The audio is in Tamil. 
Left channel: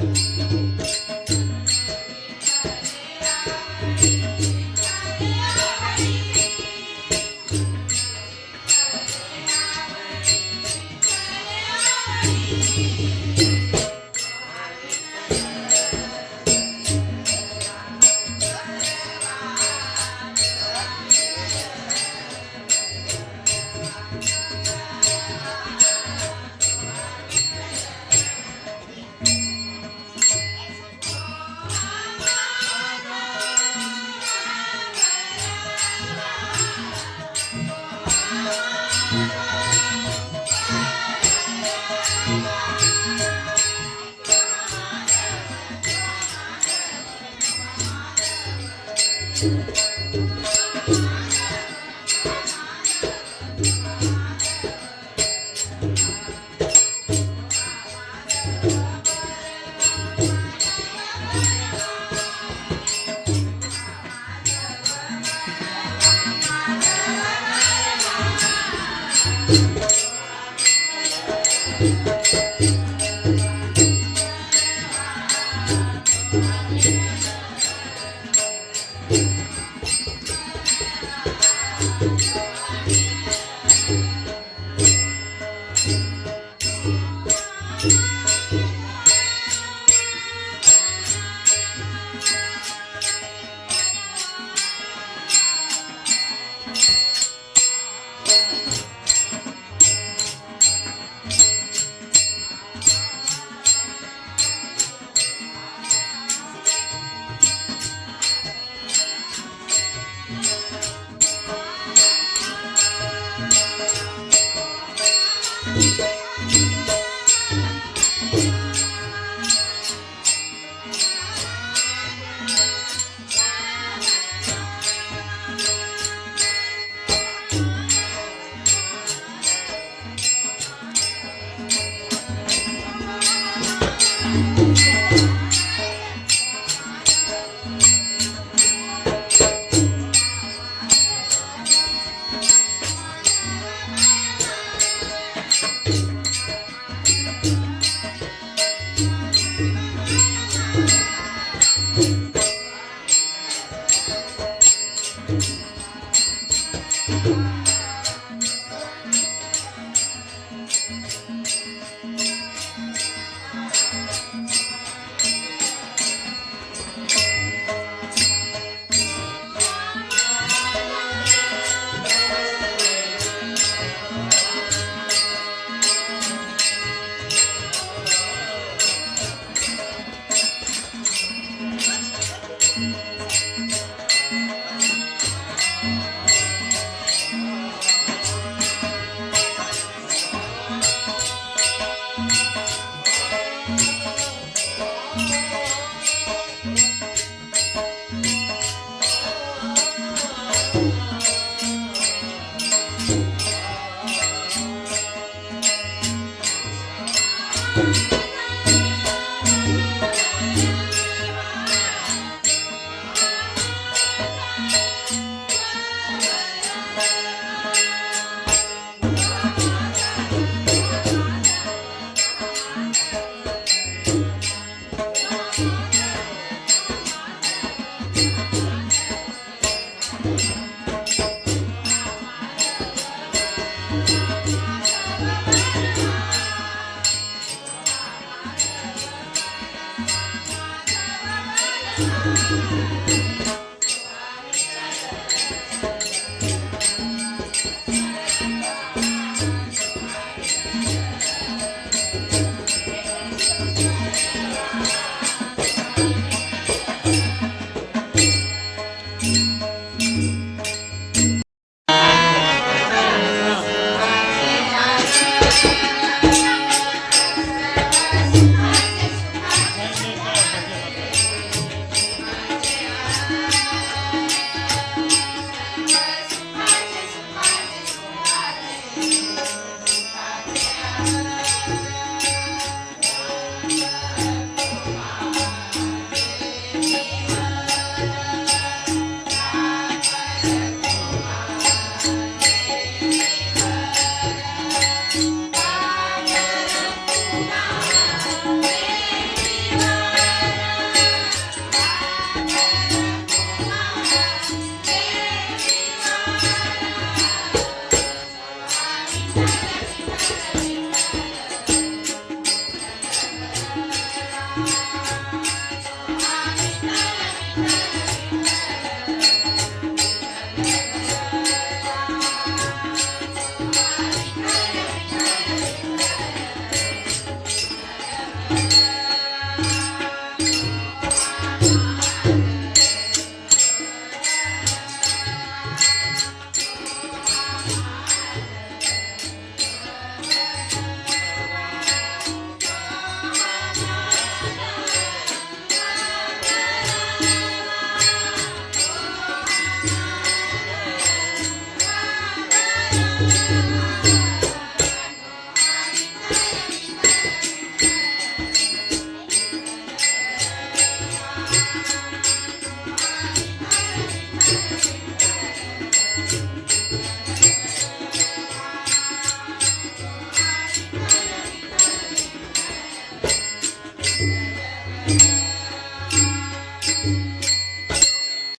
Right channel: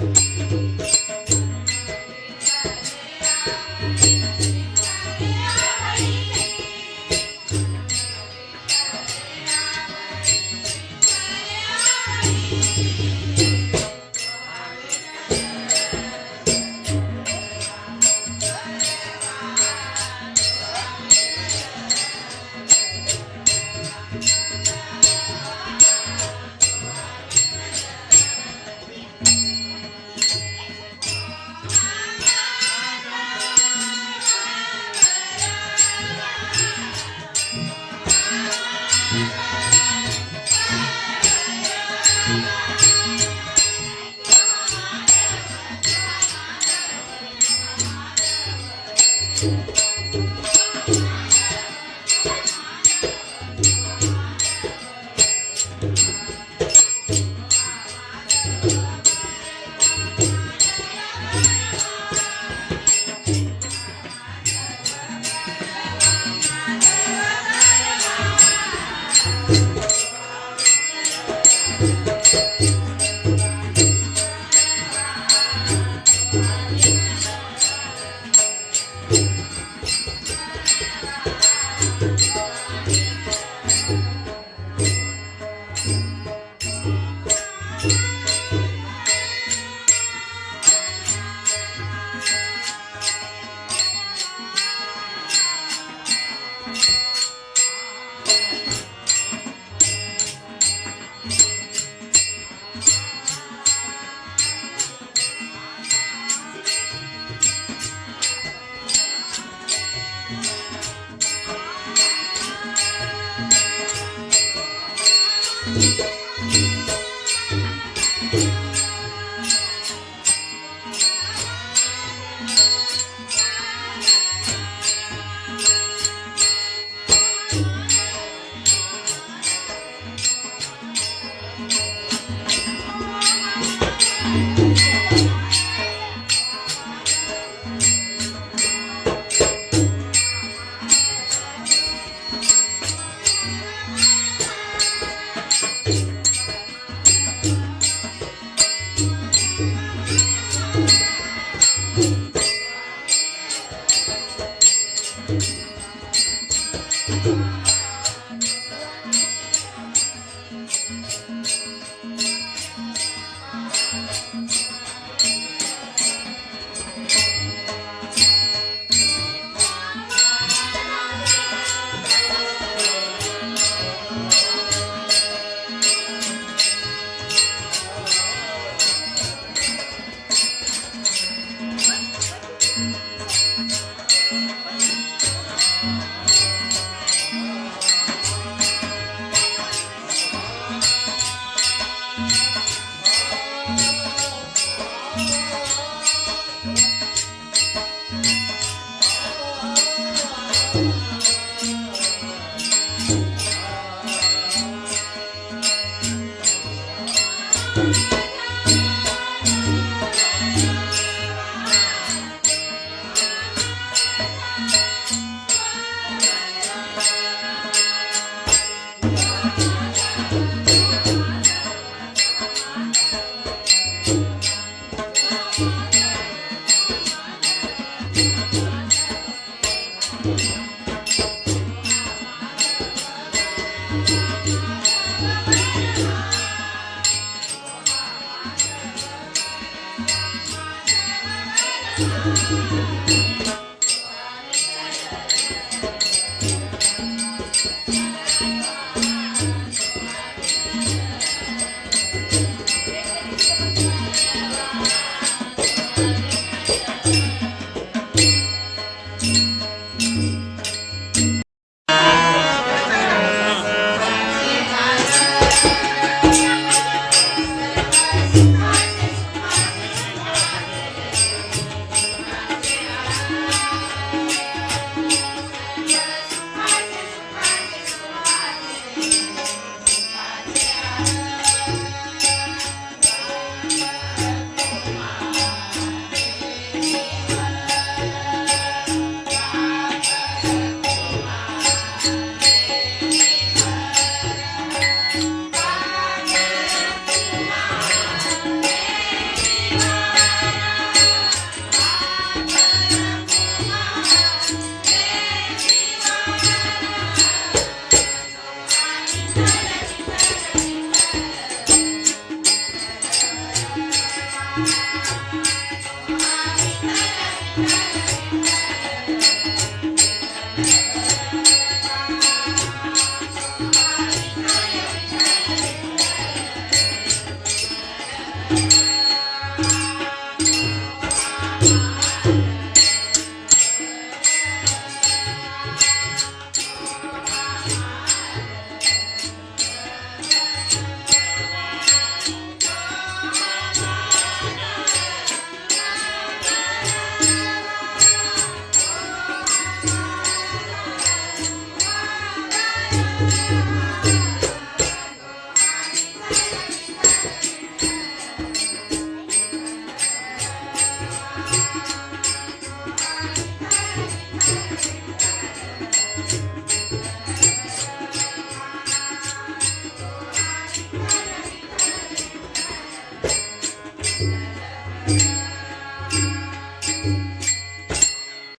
Música thank mm -hmm. you করবো